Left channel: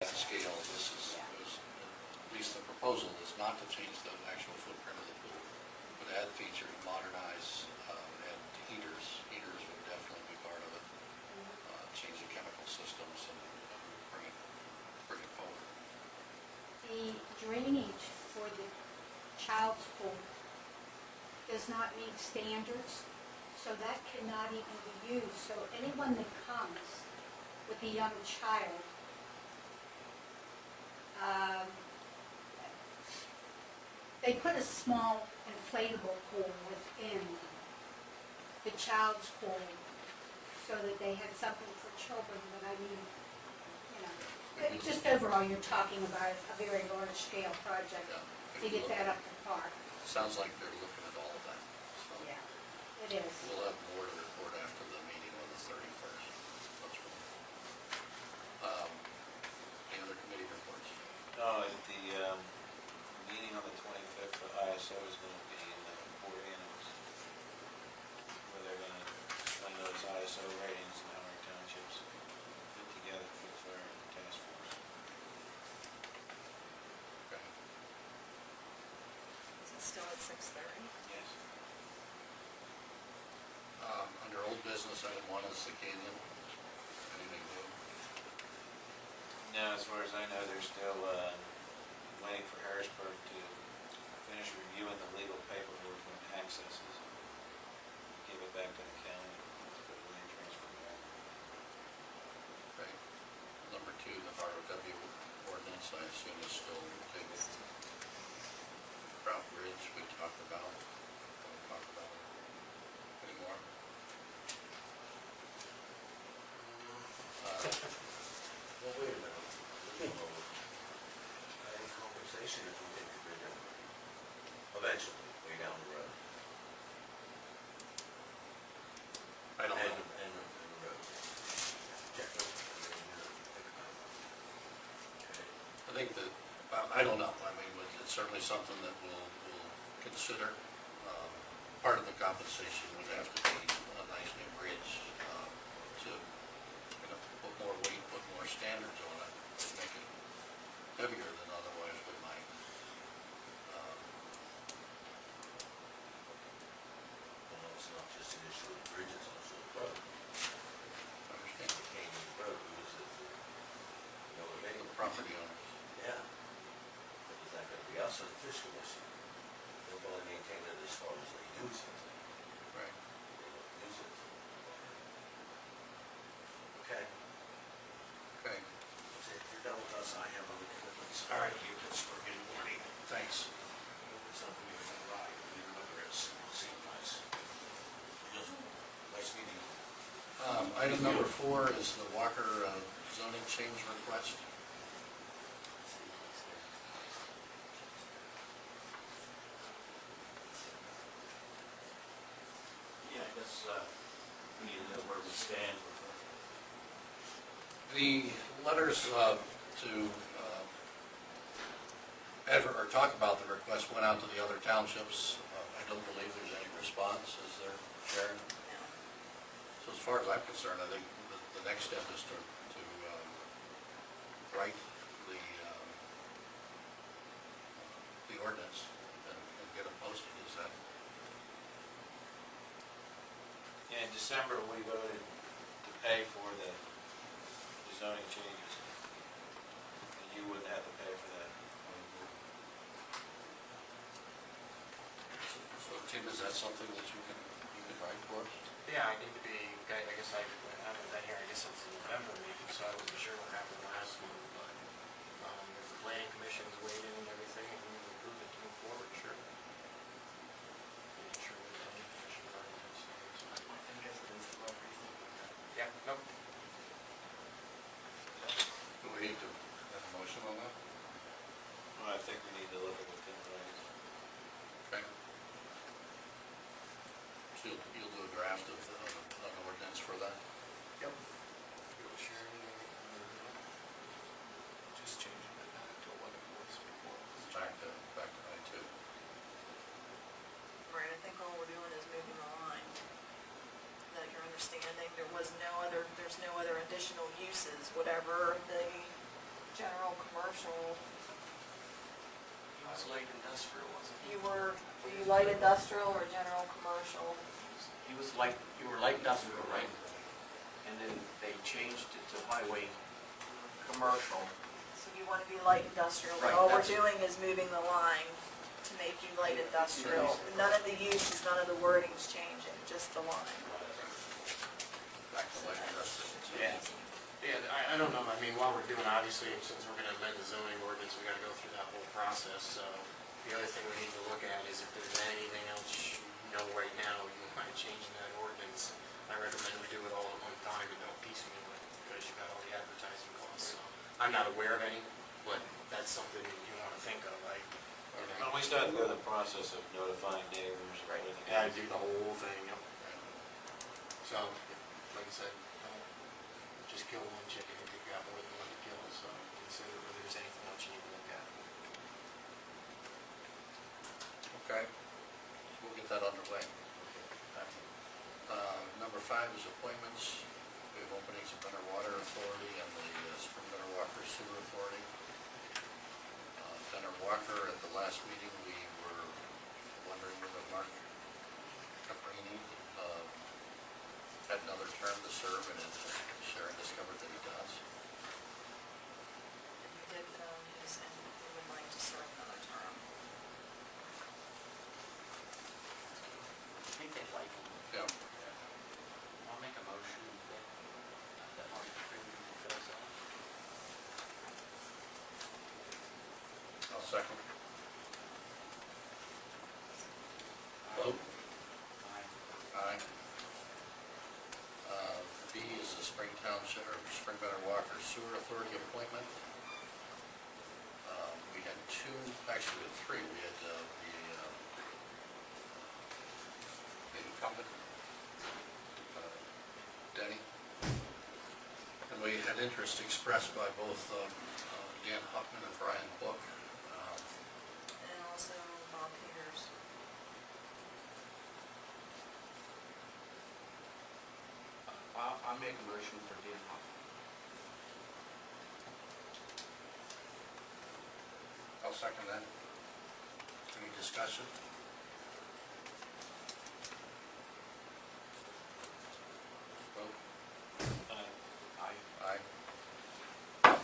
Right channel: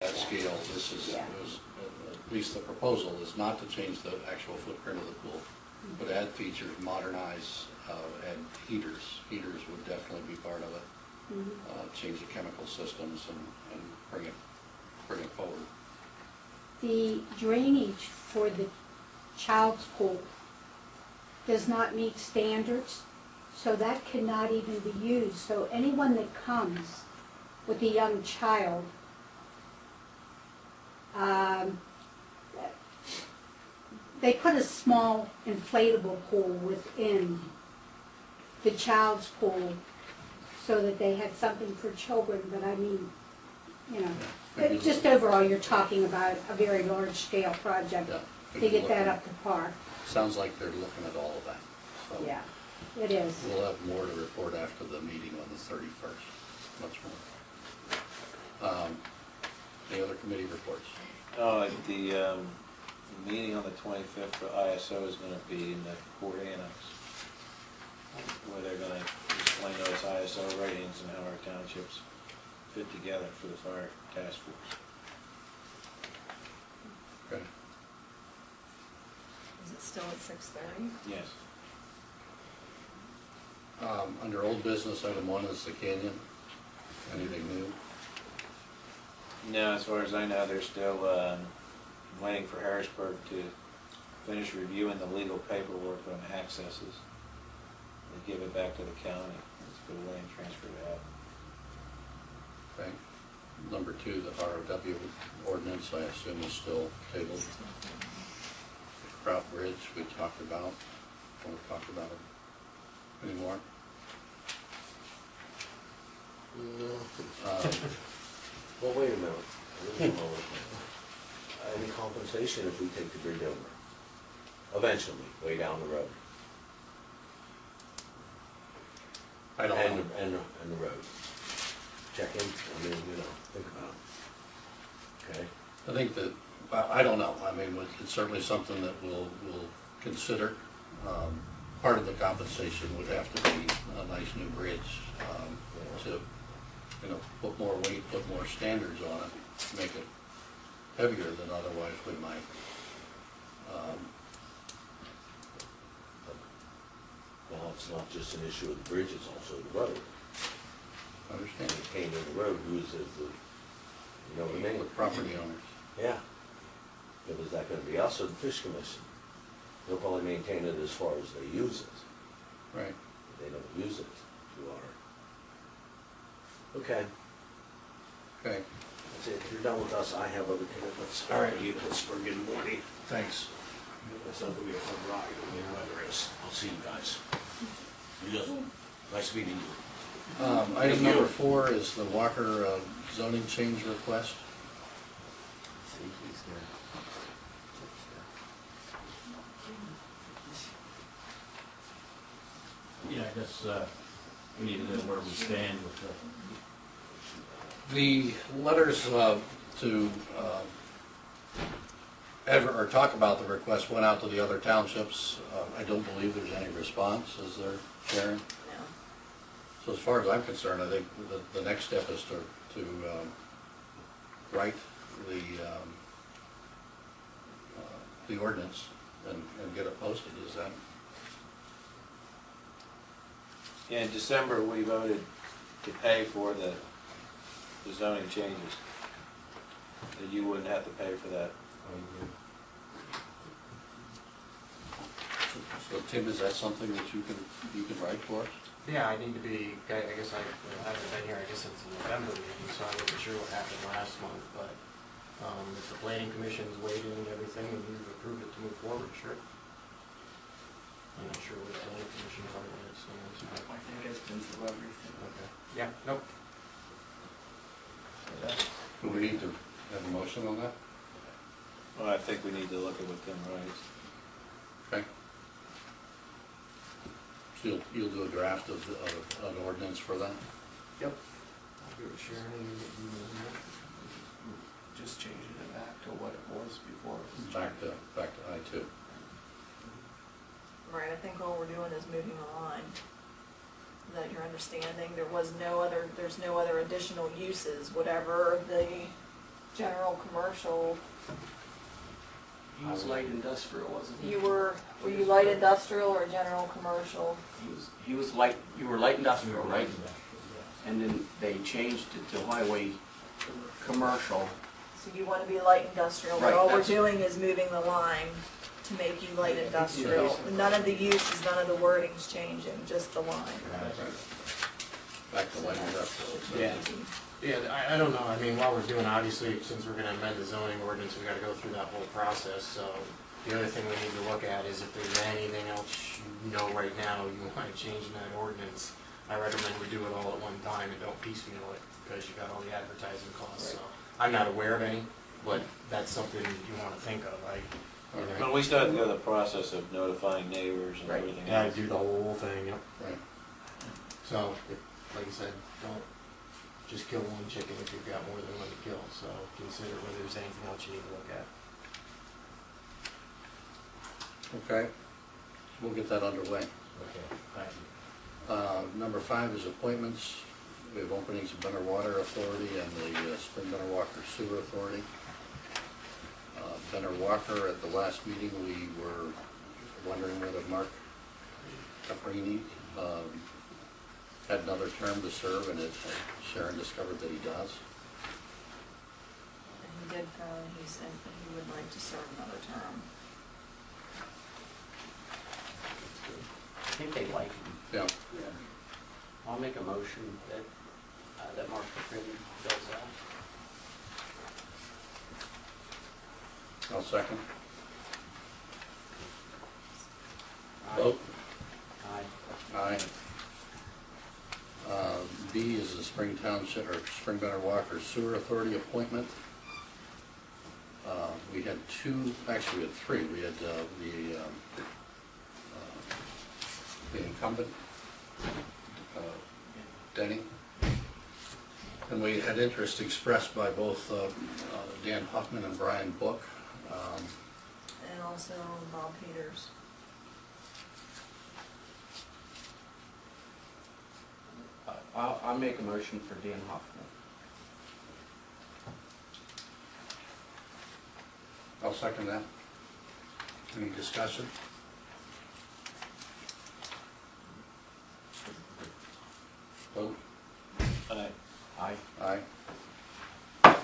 that scale, this is, at least the proposal is not to change the actual footprint of the pool, but add features, modernize, add heaters. Heaters would definitely be part of it. Change the chemical systems and bring it forward. The drainage for the child's pool does not meet standards, so that cannot even be used. So anyone that comes with a young child, they put a small inflatable pool within the child's pool so that they had something for children, but I mean, you know, just overall you're talking about a very large scale project to get that up to par. Sounds like they're looking at all of that. So yeah, it is. We'll have more to report after the meeting on the 31st. Much more. Any other committee reports? The meeting on the 25th for ISO is going to be in the Port Annex, where they're going to explain those ISO ratings and how our townships fit together for the fire task force. Okay. Is it still at 6:30? Yes. Under old business, item 1 is the canyon. Anything new? No, as far as I know, they're still waiting for Harrisburg to finish reviewing the legal paperwork on accesses and give it back to the county. Let's go away and transfer that. Okay. Number 2, the ROW ordinance, I assume is still tabled. The Kraut Bridge we talked about. Don't talk about it anymore. No. Well, wait a minute. Any compensation if we take the bridge over? Eventually, way down the road. I don't know. And the road. Check in, I mean, you know, think about it. Okay? I think that, I don't know. I mean, it's certainly something that we'll consider. Part of the compensation would have to be a nice new bridge to, you know, put more weight, put more standards on it, make it heavier than otherwise we might. Now, it's not just an issue of the bridge, it's also the road. Understand? Maintaining the road, who's the, you know what I mean? The property owners. Yeah. But is that gonna be us or the Fish Commission? They'll probably maintain it as far as they use it. Right. They don't use it to water. Okay. Okay. That's it. If you're done with us, I have other commitments. All right. You Pittsburgh in the morning. Thanks. It's not gonna be a fun ride. I mean, the weather is. I'll see you guys. Nice meeting you. Item number 4 is the Walker zoning change request. See, he's there. Yeah, I guess we need a bit more understanding. The letters to or talk about the request went out to the other townships. I don't believe there's any response. Is there, Sharon? No. So as far as I'm concerned, I think the next step is to write the ordinance and get it posted. Is that? Yeah, in December, we voted to pay for the zoning changes. And you wouldn't have to pay for that. So Tim, is that something that you can write for us? Yeah, I need to be, I guess I haven't been here, I guess since the November meeting, so I wasn't sure what happened last month, but if the planning commission's weighed in and everything and you've approved it to move forward, sure. I'm not sure what the planning commission part of it is. I think it's been through everything. Okay. Yeah, nope. Do we need to have a motion on that? Well, I think we need to look at what Tim writes. Okay. So you'll do a draft of an ordinance for that? Yep. I'll give it to Sharon and Just changing it back to what it was before. Back to I-2. Right, I think all we're doing is moving the line. Is that your understanding? There's no other additional uses, whatever the general commercial. He was light industrial, wasn't he? Were you light industrial or general commercial? He was light, you were light industrial, right? And then they changed it to highway commercial. So you want to be light industrial, but Right, all we're that's- doing is moving the line to make you light industrial. None of the uses, none of the wording's changing, just the line. Back to light industrial. So- Yeah. Yeah, I don't know, I mean, while we're doing, obviously, since we're gonna amend the zoning ordinance, we gotta go through that whole process, so the other thing we need to look at is if there's anything else you know right now you wanna change in that ordinance, I recommend we do it all at one time and don't piecemeal it, because you got all the advertising costs, so. I'm not aware of any, but that's something you wanna think of, But we still have to go the process of notifying neighbors and Right. everything Yeah, else. do the whole thing, yep. Right. So, like I said, don't just kill one chicken if you've got more than one to kill, so consider whether there's anything else you need to look at. Okay, we'll get that underway. Number 5 is appointments. We have openings of Benner Water Authority and the Spring Benner Walker Sewer Authority. Benner Walker, at the last meeting, we were wondering whether Mark Caprini had another term to serve, and Sharon discovered that he does. And he did he would like to serve another term. I think they like him. Yeah, I'll make a motion that, that Mark Caprini does that. I'll second. Vote. Aye. Aye. B is the Spring Township, or Spring Benner Walker Sewer Authority appointment. We had 2, actually we had 3. We had the incumbent, Denny. And we had interest expressed by both Dan Huffman and Brian Book. And also Bob Peters. I'll make a motion for Dan Hoffman. I'll second that. Any discussion? Vote. Aye. Aye. Aye.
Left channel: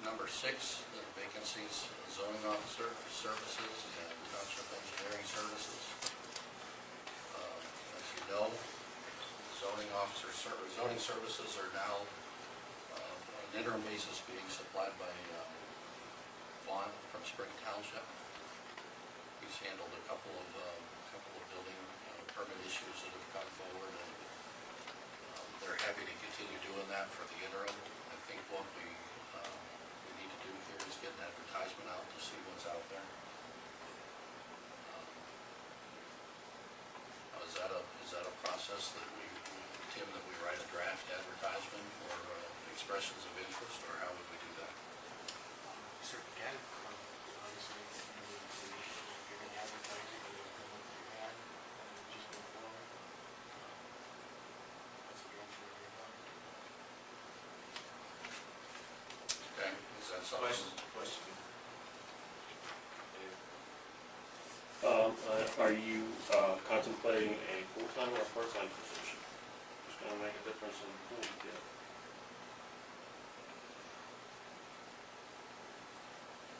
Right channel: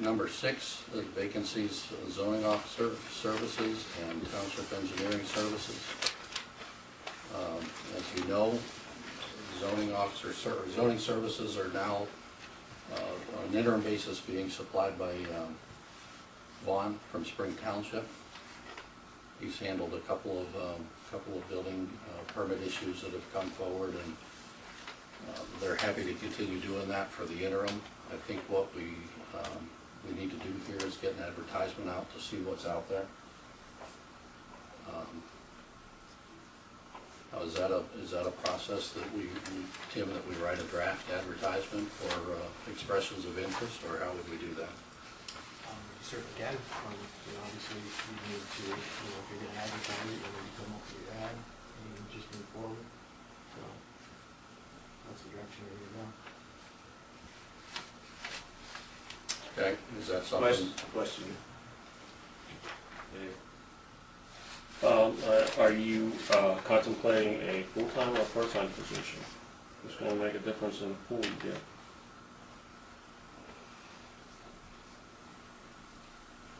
Number 6 is vacancies, zoning officer services and township engineering services. As you know, zoning services are now on an interim basis being supplied by Vaughn from Spring Township. He's handled a couple of building permit issues that have come forward, and they're happy to continue doing that for the interim. I think what we need to do here is get an advertisement out to see what's out there. Is that a process that Tim, that we write a draft advertisement for expressions of interest, or how would we do that? You certainly can, obviously you need to, if you're gonna advertise it, you're gonna come up with your ad and just move forward. So, that's the direction we're gonna go. Okay, is that something? Question. Dave? Are you contemplating a full-time or part-time position? Just want to make a difference in who we get.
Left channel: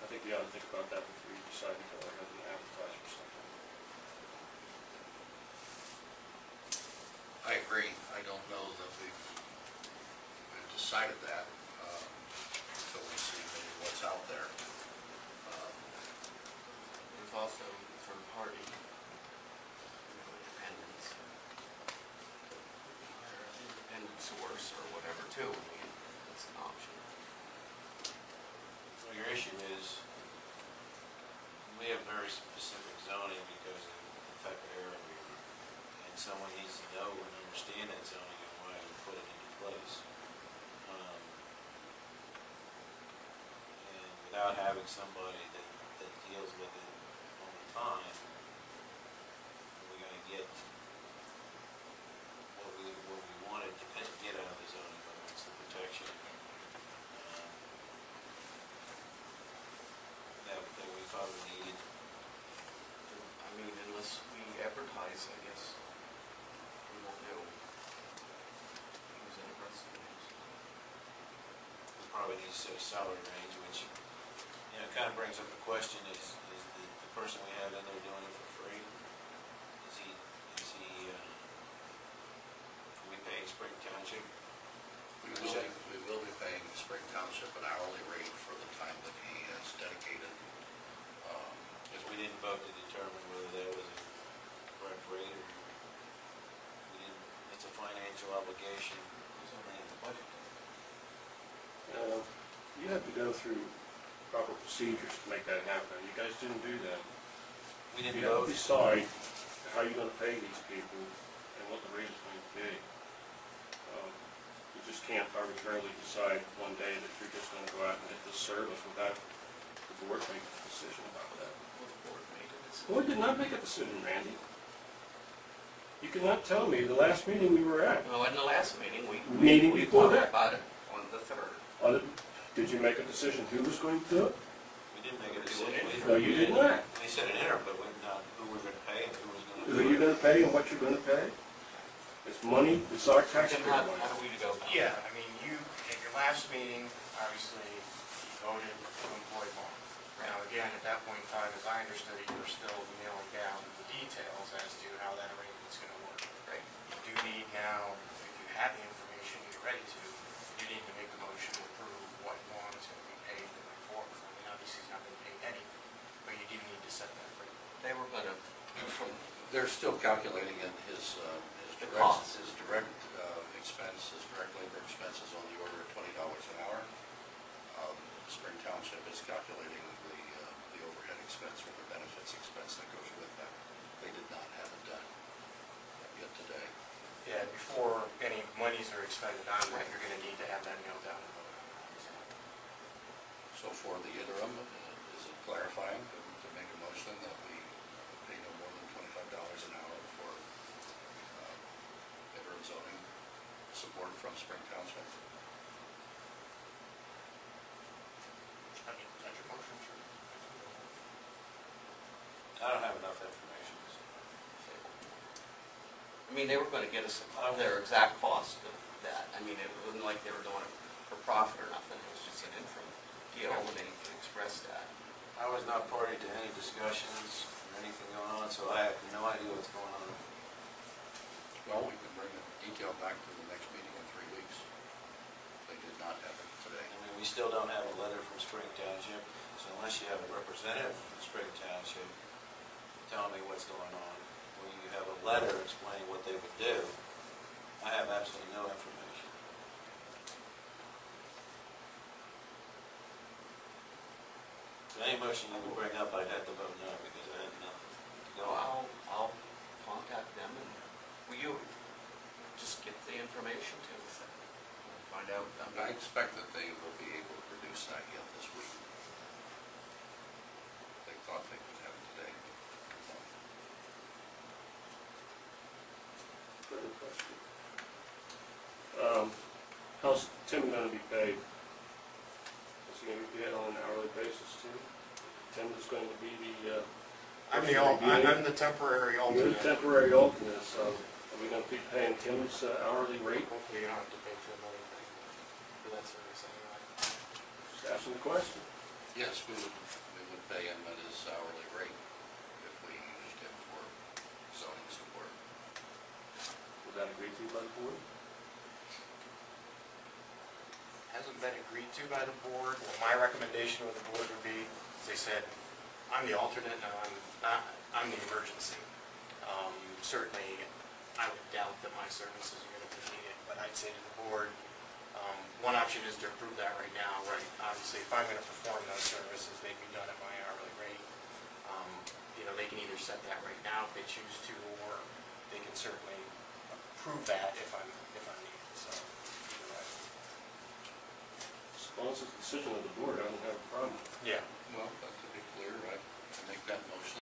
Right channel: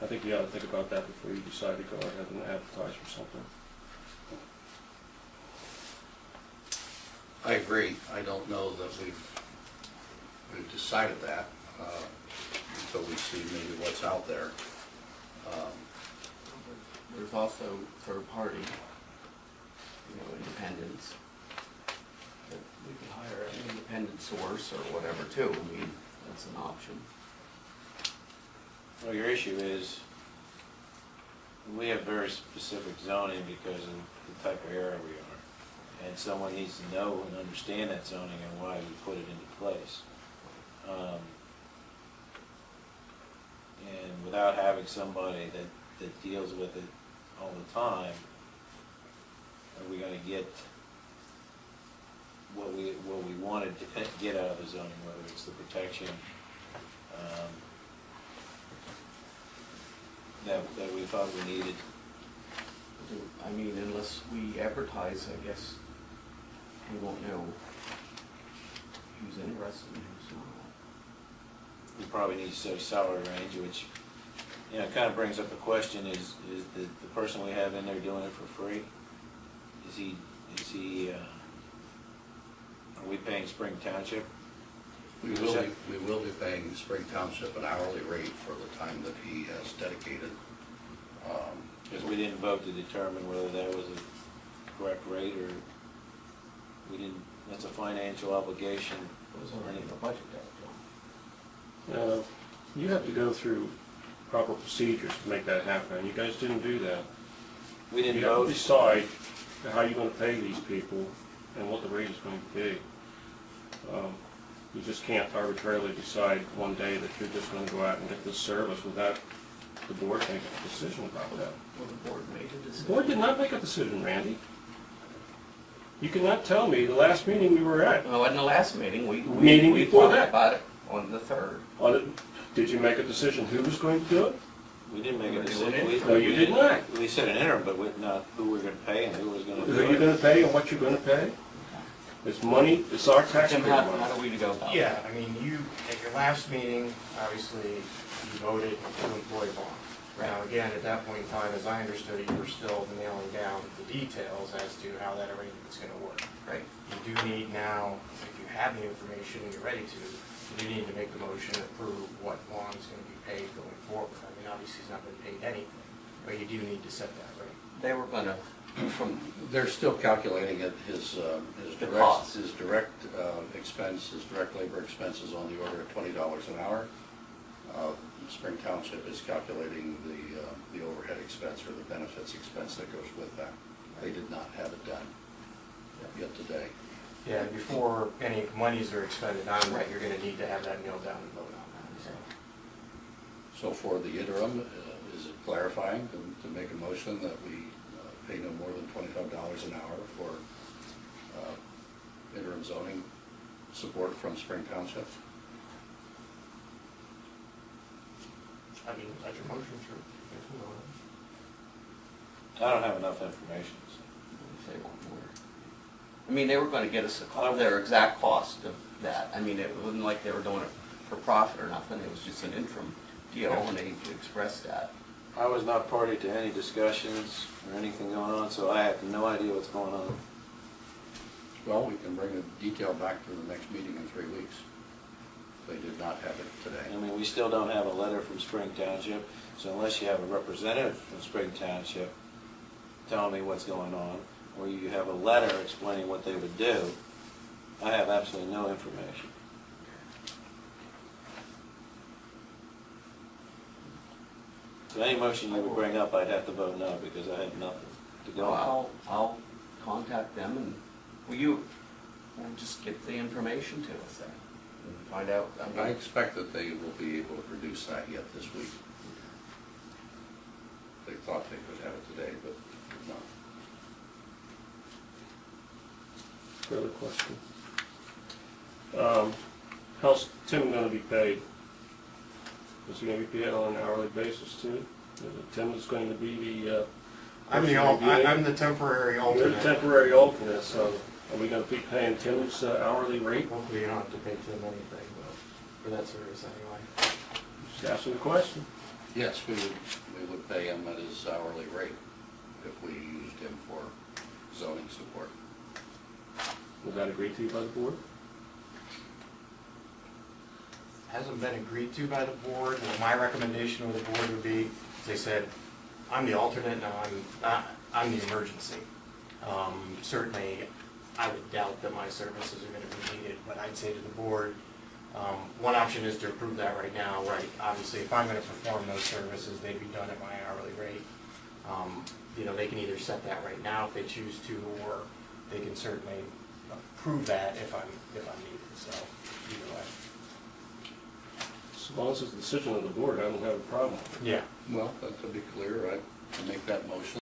I think you gotta think about that before you decide to go ahead and advertise for something. I agree. I don't know that we've decided that until we see maybe what's out there. There's also third party, independents. But we can hire an independent source or whatever too, that's an option. Well, your issue is, we have very specific zoning because of the type of area we are. And someone needs to know and understand that zoning and why we put it into place. And without having somebody that deals with it all the time, are we gonna get what we wanted to get out of the zoning, whether it's the protection, that we thought we needed. I mean, unless we advertise, I guess, we won't know who's interested and who's not. We probably need to set a salary range, which, you know, kind of brings up a question, is the person we have in there doing it for free? Is he, are we paying Spring Township? We will be paying Spring Township an hourly rate for the time that he has dedicated. Because we didn't vote to determine whether that was a correct rate, or we didn't, that's a financial obligation. It was already in the budget that Now, you have to go through proper procedures to make that happen. You guys didn't do that. We didn't You have vote. to decide how you're gonna pay these people and what the rate is going to be. You just can't arbitrarily decide one day that you're just gonna go out and get this service without the board making a decision about that. Well, the board made a The decision. board did not make a decision, Randy. You cannot tell me the last meeting we were at. Well, in the last meeting, we before talked that. about it on the 3rd. Did you make a decision who was going to do it? We didn't make a We're decision. doing it. No, you did not. We said an interim, but not who we're gonna pay and who was gonna Who do you're it. gonna pay and what you're gonna pay? It's money, it's our tax. Tim, how do we go about it? Yeah, I mean, you, at your last meeting, obviously, you voted to employ Vaughn. Now, again, at that point in time, as I understood it, you were still nailing down the details as to how that arrangement's gonna work. Right. You do need now, if you have the information and you're ready to, you do need to make the motion to approve what Vaughn's gonna be paid going forward. I mean, obviously, he's not been paid anything, but you do need to set that rate. They were gonna, from, They're still calculating it, his The direct, cost. his direct expense, his direct labor expenses on the order of $20 an hour. Spring Township is calculating the overhead expense or the benefits expense that goes with that. They did not have it done yet today. Yeah, before any monies are expended on that, you're gonna need to have that nailed down and vote on that, so. So for the interim, is it clarifying to make a motion that we pay no more than $25 an hour for interim zoning support from Spring Township? I mean, that's your motion, sure. I don't have enough information. say one more. I mean, they were gonna get us their exact cost of that. I mean, it wasn't like they were doing it for profit or nothing. It was just an interim deal, and they expressed that. I was not party to any discussions or anything going on, so I have no idea what's going on. Well, we can bring the detail back to the next meeting in 3 weeks. They did not have it today. I mean, we still don't have a letter from Spring Township, so unless you have a representative from Spring Township telling me what's going on, or you have a letter explaining what they would do, I have absolutely no information. So any motion you would bring up, I'd have to vote no, because I had nothing to go on. I'll contact them, and we'll just get the information to us then, and find out. I expect that they will be able to produce that yet this week. They thought they could have it today, but did not. Third question. How's Tim gonna be paid? Is he gonna be paid on an hourly basis too? Tim is going to be the, I'm the temporary you're alternate. the temporary alternate, so are we gonna keep paying Tim's hourly rate? Hopefully you don't have to pay Tim anything, but for that service anyway. Just asking a question. Yes, we would pay him at his hourly rate if we used him for zoning support. Was that agreed to by the board? Hasn't been agreed to by the board. Well, my recommendation with the board would be, as they said, I'm the alternate, now I'm the emergency. Certainly, I would doubt that my services are gonna be needed, but I'd say to the board, one option is to approve that right now, right? Obviously, if I'm gonna perform those services, they'd be done at my hourly rate. You know, they can either set that right now if they choose to, or they can certainly approve that if I'm needed, so either way. As long as it's a decision of the board, I don't have a problem. Yeah. Well, but to be clear, I make that motion